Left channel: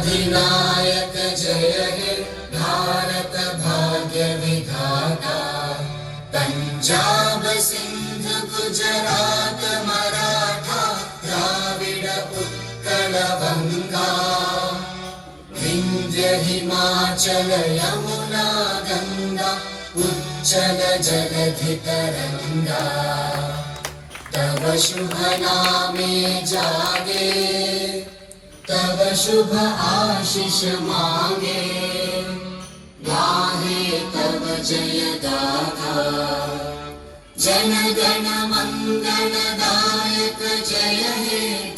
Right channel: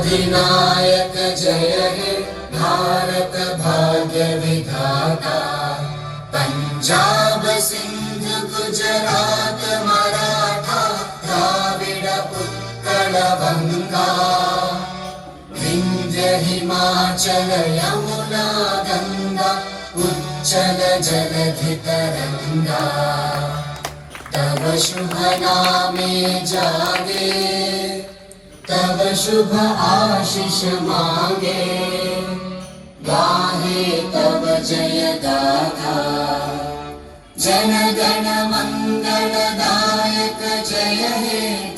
अधिनायक जय हे भारत भाग्य विधाता। पंजाब सिंध गुजरात मराठा द्राविड उत्कल बंगा। विंध्य हिमाचल यमुना गंगा उच्चल जलधि तरंगा। तव शुभ नामे जागे तव शुभ आशीष मांगे। गाहे तव जय गाथा जन गण मंगलदायक जय हे